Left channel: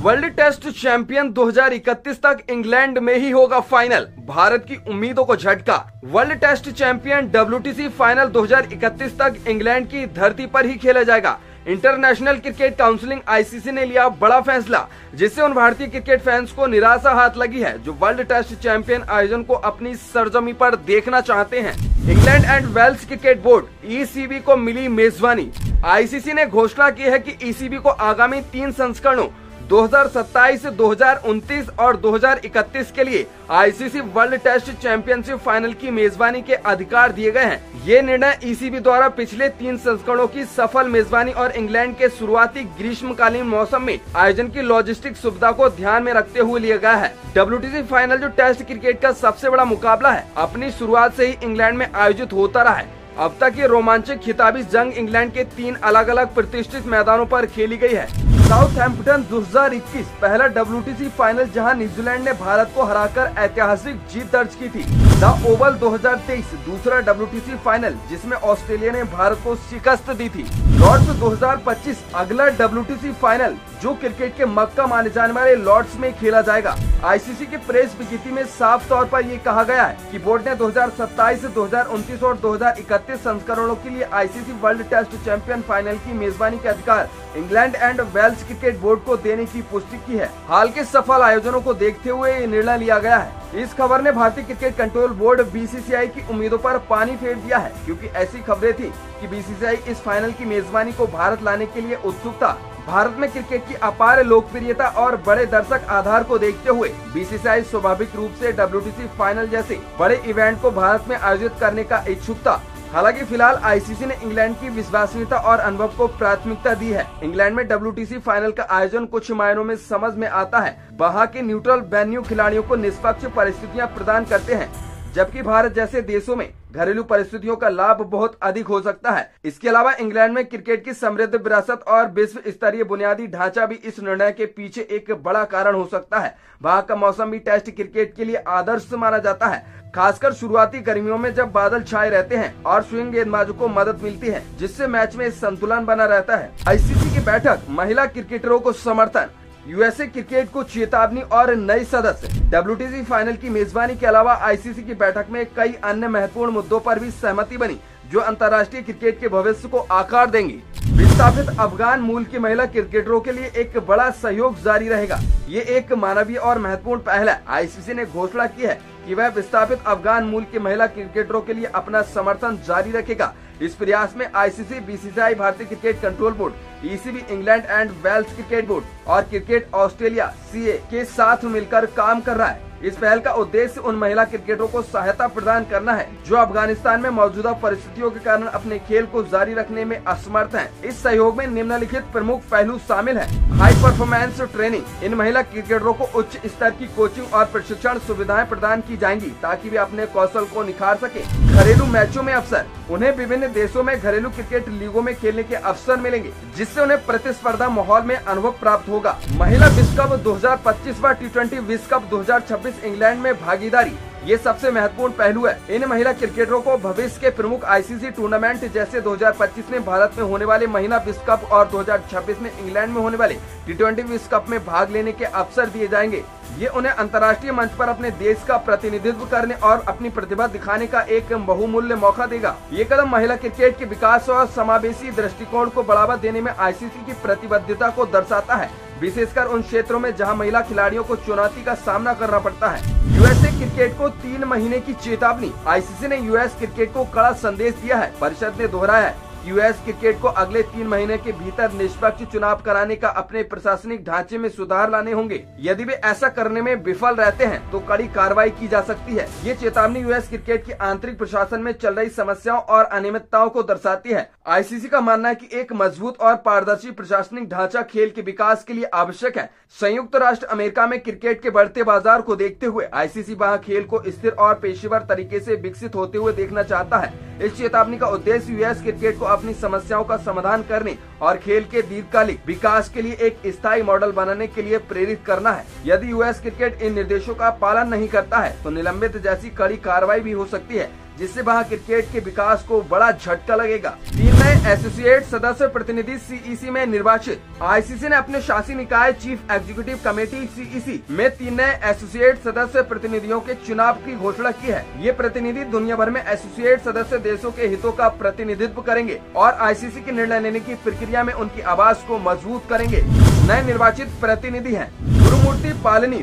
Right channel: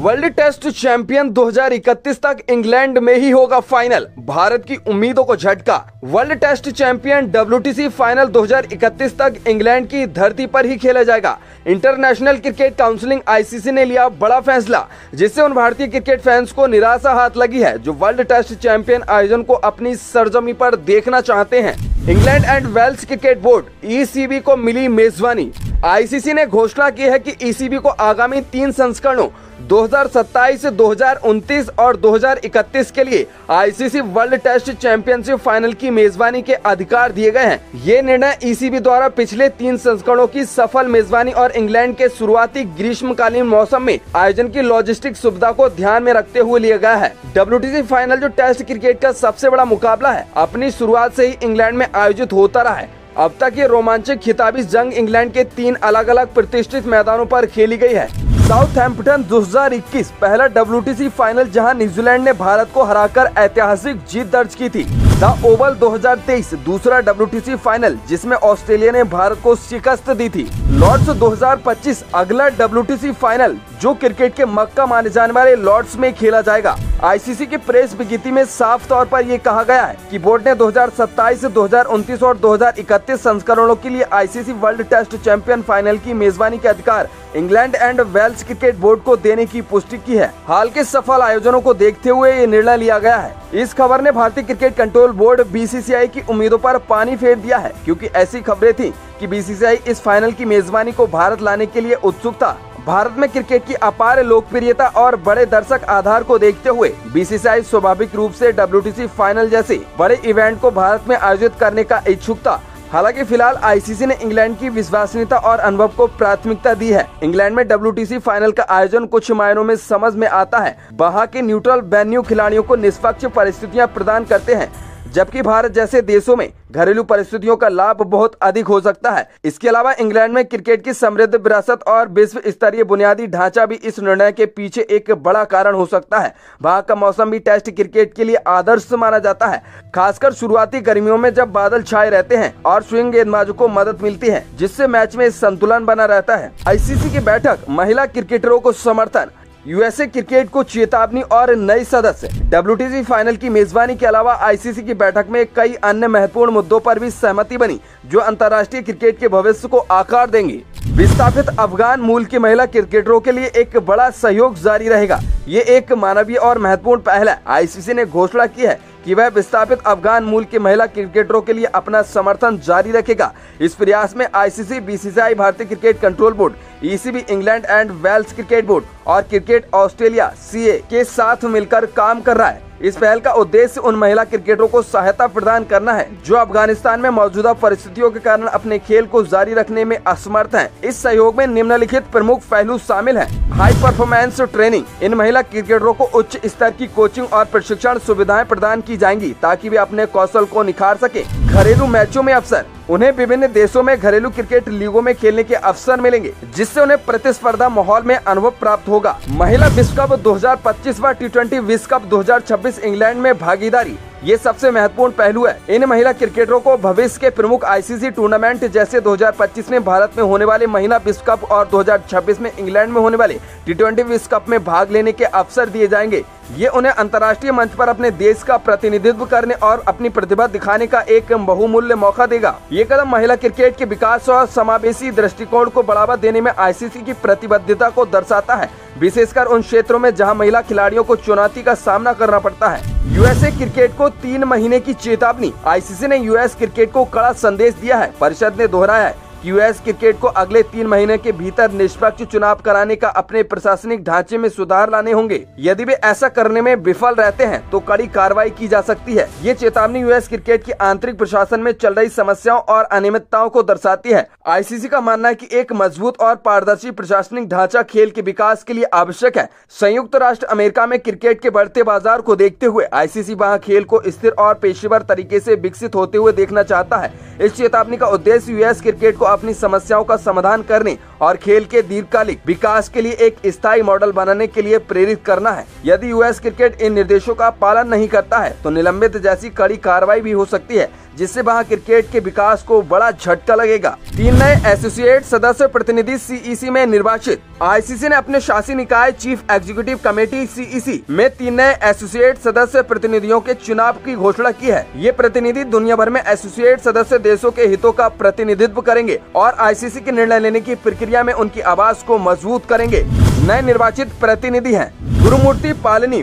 World test champion 2031 तक England में ही होगा फाइनल, भारत की उम्मीदों को झटका। World test champion WTC final 2031 तक इंग्लैंड की धरती पर ही खेला जाएगा। इंटरनेशनल क्रिकेट काउंसिल ICC ने लिया बड़ा फैसला, जिससे उन भारतीय क्रिकेट फैंस को निराशा हाथ लगी है जो वर्ल्ड टेस्ट चैंपियन आयोजन को अपनी सरजमी पर देखना चाहते हैं। England and Wales cricket board ECB को मिली मेजबानी। ICC ने घोषणा की है कि ECB को आगामी 3 संस्करणों 2027, 2029 और 2031 के लिए ICC world test championship final की मेजबानी के अधिकार दिए गए हैं। ये निर्णय ECB द्वारा पिछले 3 संस्करणों की सफल मेजबानी और इंग्लैंड के शुरुआती ग्रीष्मकालीन मौसम में आयोजन की लॉजिस्टिक सुविधा को ध्यान में रखते हुए लिया गया है। WTC फाइनल जो टेस्ट क्रिकेट का सबसे बड़ा मुकाबला है, अपनी शुरुआत से ही इंग्लैंड में आयोजित होता रहा है। अब तक ये रोमांचक खिताबी जंग इंग्लैंड के 3 अलग अलग प्रतिष्ठित मैदानों पर खेली गई है। साउथहैम्पटन 2021 पहला WTC फाइनल, जहां न्यूजीलैंड ने भारत को हराकर ऐतिहासिक जीत दर्ज की थी। द ओवल 2023 दूसरा WTC फाइनल, जिसमें ऑस्ट्रेलिया ने भारत को शिकस्त दी थी। लॉर्ड्स 2025 अगला WTC फाइनल, जो क्रिकेट के मक्का माने जाने वाले लॉर्ड्स में खेला जाएगा। ICC की प्रेस विज्ञप्ति में साफ तौर पर ये कहा गया है कि बोर्ड ने 2027, 2029 और 2031 संस्करणों के लिए ICC world test champion final की मेजबानी के अधिकार England and Wales cricket board को देने की पुष्टि की है। हाल के सफल आयोजनों को देखते हुए ये निर्णय लिया गया है। इस खबर ने भारतीय क्रिकेट कंट्रोल बोर्ड BCCI की उम्मीदों पर पानी फेर दिया है, क्योंकि ऐसी खबरें थी कि BCCI इस फाइनल की मेजबानी को भारत लाने के लिए उत्सुक था। भारत में क्रिकेट की अपार लोकप्रियता और बड़े दर्शक आधार को देखते हुए BCCI स्वाभाविक रूप से WTC फाइनल जैसे बड़े इवेंट को भारत में आयोजित करने का इच्छुक था। हालांकि फिलहाल ICC ने इंग्लैंड की विश्वसनीयता और अनुभव को प्राथमिकता दी है। इंग्लैंड में WTC फाइनल का आयोजन कुछ मायनों में समझ में आता है। वहां के न्यूट्रल वेन्यू खिलाड़ियों को निष्पक्ष परिस्थितियां प्रदान करते हैं, जबकि भारत जैसे देशों में घरेलू परिस्थितियों का लाभ बहुत अधिक हो सकता है। इसके अलावा इंग्लैंड में क्रिकेट की समृद्ध विरासत और विश्व स्तरीय बुनियादी ढांचा भी इस निर्णय के पीछे एक बड़ा कारण हो सकता है। वहां का मौसम भी टेस्ट क्रिकेट के लिए आदर्श माना जाता है, खासकर शुरुआती गर्मियों में जब बादल छाए रहते हैं और स्विंग गेंदबाजों को मदद मिलती है, जिससे मैच में संतुलन बना रहता है। ICC की बैठक, महिला क्रिकेटरों को समर्थन, USA क्रिकेट को चेतावनी और नई सदस्य। WTC फाइनल की मेजबानी के अलावा ICC की बैठक में कई अन्य महत्वपूर्ण मुद्दों पर भी सहमति बनी, जो अंतर्राष्ट्रीय क्रिकेट के भविष्य को आकार देंगी। विस्थापित अफगान मूल की महिला क्रिकेटरों के लिए एक बड़ा सहयोग जारी रहेगा। ये एक मानवीय और महत्वपूर्ण पहल है। ICC ने घोषणा की है कि वह विस्थापित अफगान मूल के महिला क्रिकेटरों के लिए अपना समर्थन जारी रखेगा। इस प्रयास में ICC, BCCI, भारतीय cricket control board, ECB, England and Wales cricket board और क्रिकेट ऑस्ट्रेलिया CA के साथ मिलकर काम कर रहा है। इस पहल का उद्देश्य उन महिला क्रिकेटरों को सहायता प्रदान करना है जो अफगानिस्तान में मौजूदा परिस्थितियों के कारण अपने खेल को जारी रखने में असमर्थ हैं। इस सहयोग में निम्नलिखित प्रमुख पहलू शामिल हैं। हाई परफॉर्मेंस ट्रेनिंग, इन महिला क्रिकेटरों को उच्च स्तर की कोचिंग और प्रशिक्षण सुविधाएं प्रदान की जाएंगी ताकि वे अपने कौशल को निखार सके। घरेलू मैचों में अवसर, उन्हें विभिन्न देशों में घरेलू क्रिकेट लीगों में खेलने के अवसर मिलेंगे, जिससे उन्हें प्रतिस्पर्धा माहौल में अनुभव प्राप्त होगा। महिला विश्व कप 2025 व T20 विश्व कप 2026 इंग्लैंड में भागीदारी, ये सबसे महत्वपूर्ण पहलू है। इन महिला क्रिकेटरों को भविष्य के प्रमुख ICC टूर्नामेंट जैसे 2025 में भारत में होने वाले महिला विश्व कप और 2026 में इंग्लैंड में होने वाले T20 विश्व कप में भाग लेने के अवसर दिए जाएंगे। ये उन्हें अंतर्राष्ट्रीय मंच पर अपने देश का प्रतिनिधित्व करने और अपनी प्रतिभा दिखाने का एक बहुमूल्य मौका देगा। ये कदम महिला क्रिकेट के विकास और समावेशी दृष्टिकोण को बढ़ावा देने में ICC की प्रतिबद्धता को दर्शाता है, विशेषकर उन क्षेत्रों में जहां महिला खिलाड़ियों को चुनौती का सामना करना पड़ता है। USA क्रिकेट को 3 महीने की चेतावनी, ICC ने US क्रिकेट को कड़ा संदेश दिया है। परिषद ने दोहराया है कि US क्रिकेट को अगले 3 महीने के भीतर निष्पक्ष चुनाव कराने का अपने प्रशासनिक ढांचे में सुधार लाने होंगे। यदि वे ऐसा करने में विफल रहते हैं तो कड़ी कार्रवाई की जा सकती है। ये चेतावनी US क्रिकेट की आंतरिक प्रशासन में चल रही समस्याओं और अनियमितताओं को दर्शाती है। ICC का मानना है कि एक मजबूत और पारदर्शी प्रशासनिक ढांचा खेल के विकास के लिए आवश्यक है। संयुक्त राष्ट्र अमेरिका में क्रिकेट के बढ़ते बाजार को देखते हुए ICC वहाँ खेल को स्थिर और पेशेवर तरीके से विकसित होते हुए देखना चाहता है। इस चेतावनी का उद्देश्य US क्रिकेट को अपनी समस्याओं का समाधान करने और खेल के दीर्घकालिक विकास के लिए एक स्थायी मॉडल बनाने के लिए प्रेरित करना है। यदि US क्रिकेट इन निर्देशों का पालन नहीं करता है तो निलंबित जैसी कड़ी कार्रवाई भी हो सकती है। जिससे वहां क्रिकेट के विकास को बड़ा झटका लगेगा। 3 नए एसोसिएट सदस्य प्रतिनिधि सीईसी में निर्वाचित। आईसीसी ने अपने शासी निकाय चीफ एग्जीक्यूटिव कमेटी सीईसी में 3 नए एसोसिएट सदस्य प्रतिनिधियों के चुनाव की घोषणा की है। ये प्रतिनिधि दुनिया भर में एसोसिएट सदस्य देशों के हितों का प्रतिनिधित्व करेंगे और आईसीसी के निर्णय लेने की प्रक्रिया में उनकी आवाज को मजबूत करेंगे। नए निर्वाचित प्रतिनिधि हैं गुरुमूर्ति पालनी,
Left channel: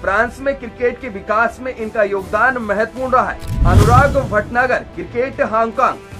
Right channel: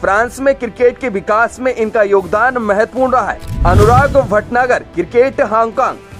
फ्रांस में क्रिकेट के विकास में इनका योगदान महत्वपूर्ण रहा है। अनुराग भटनागर, क्रिकेट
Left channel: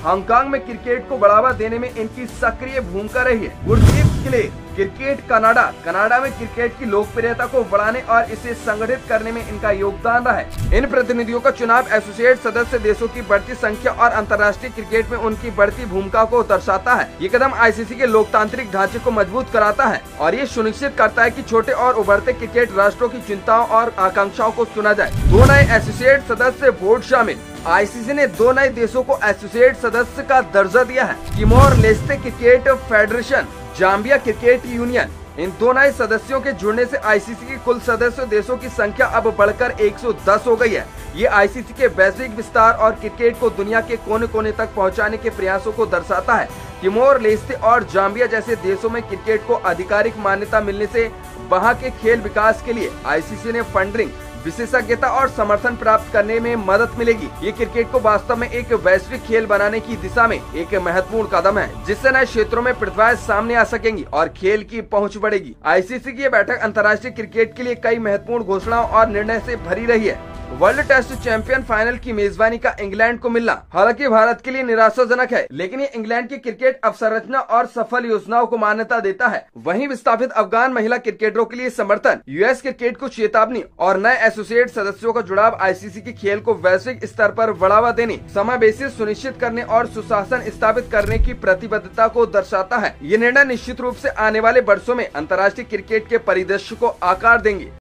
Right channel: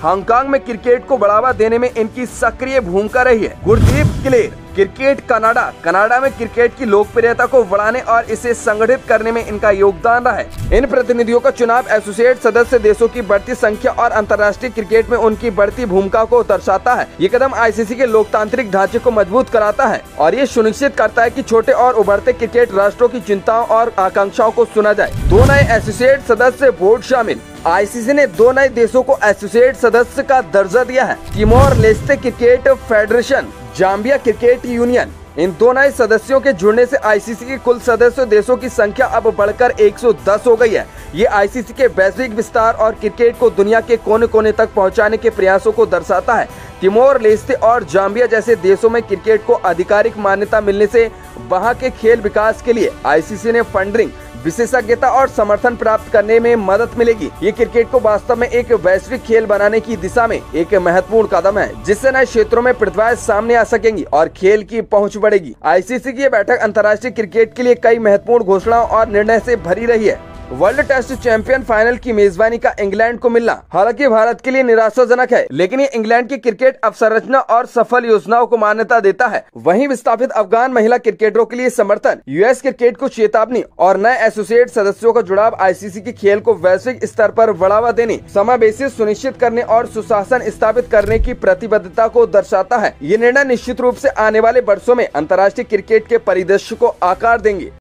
हांगकांग में क्रिकेट को बढ़ावा देने में इनकी सक्रिय भूमिका रही है। गुरदीप क्लेर, क्रिकेट कनाडा में क्रिकेट की लोकप्रियता को बढ़ाने और इसे संगठित करने में इनका योगदान रहा है। इन प्रतिनिधियों का चुनाव एसोसिएट सदस्य देशों की बढ़ती संख्या और अंतर्राष्ट्रीय क्रिकेट में उनकी बढ़ती भूमिका को दर्शाता है। ये कदम आईसीसी के लोकतांत्रिक ढांचे को मजबूत कराता है और ये सुनिश्चित करता है कि छोटे और उभरते क्रिकेट राष्ट्रों की चिंताओं और आकांक्षाओं को सुना जाए। 2 नए एसोसिएट सदस्य बोर्ड शामिल। आईसीसी ने 2 नए देशों को एसोसिएट सदस्य का दर्जा दिया है। Timor Leste cricket federation, Zambia cricket union. इन 2 नए सदस्यों के जुड़ने से आईसीसी के कुल सदस्य देशों की संख्या अब बढ़कर 110 हो गई है। ये आईसीसी के वैश्विक विस्तार और क्रिकेट को दुनिया के कोने कोने तक पहुंचाने के प्रयासों को दर्शाता है। तिमोर लेस्ते और जाम्बिया जैसे देशों में क्रिकेट को आधिकारिक मान्यता मिलने से वहां के खेल विकास के लिए आईसीसी ने फंडिंग, विशेषज्ञता और समर्थन प्राप्त करने में मदद मिलेगी। ये क्रिकेट को वास्तव में एक वैश्विक खेल बनाने की दिशा में एक महत्वपूर्ण कदम है, जिससे नए क्षेत्रों में प्रतिभाएं सामने आ सकेंगी और खेल की पहुंच बढ़ेगी। आईसीसी की ये बैठक अंतर्राष्ट्रीय क्रिकेट के लिए कई महत्वपूर्ण घोषणाओं और निर्णय से भरी रही है। वर्ल्ड टेस्ट चैंपियन फाइनल की मेजबानी का इंग्लैंड को मिलना हालांकि भारत के लिए निराशाजनक है, लेकिन ये इंग्लैंड की क्रिकेट अवसंरचना और सफल योजनाओं को मान्यता देता है। वहीं विस्थापित अफगान महिला क्रिकेटरों के लिए समर्थन, यूएस क्रिकेट को चेतावनी और नए एसोसिएट सदस्यों का जुड़ाव आईसीसी के खेल को वैश्विक स्तर पर बढ़ावा देने, समावेशी सुनिश्चित करने और सुशासन स्थापित करने की प्रतिबद्धता को दर्शाता है। ये निर्णय निश्चित रूप से आने वाले वर्षों में अंतर्राष्ट्रीय क्रिकेट के परिदृश्य को आकार देंगे।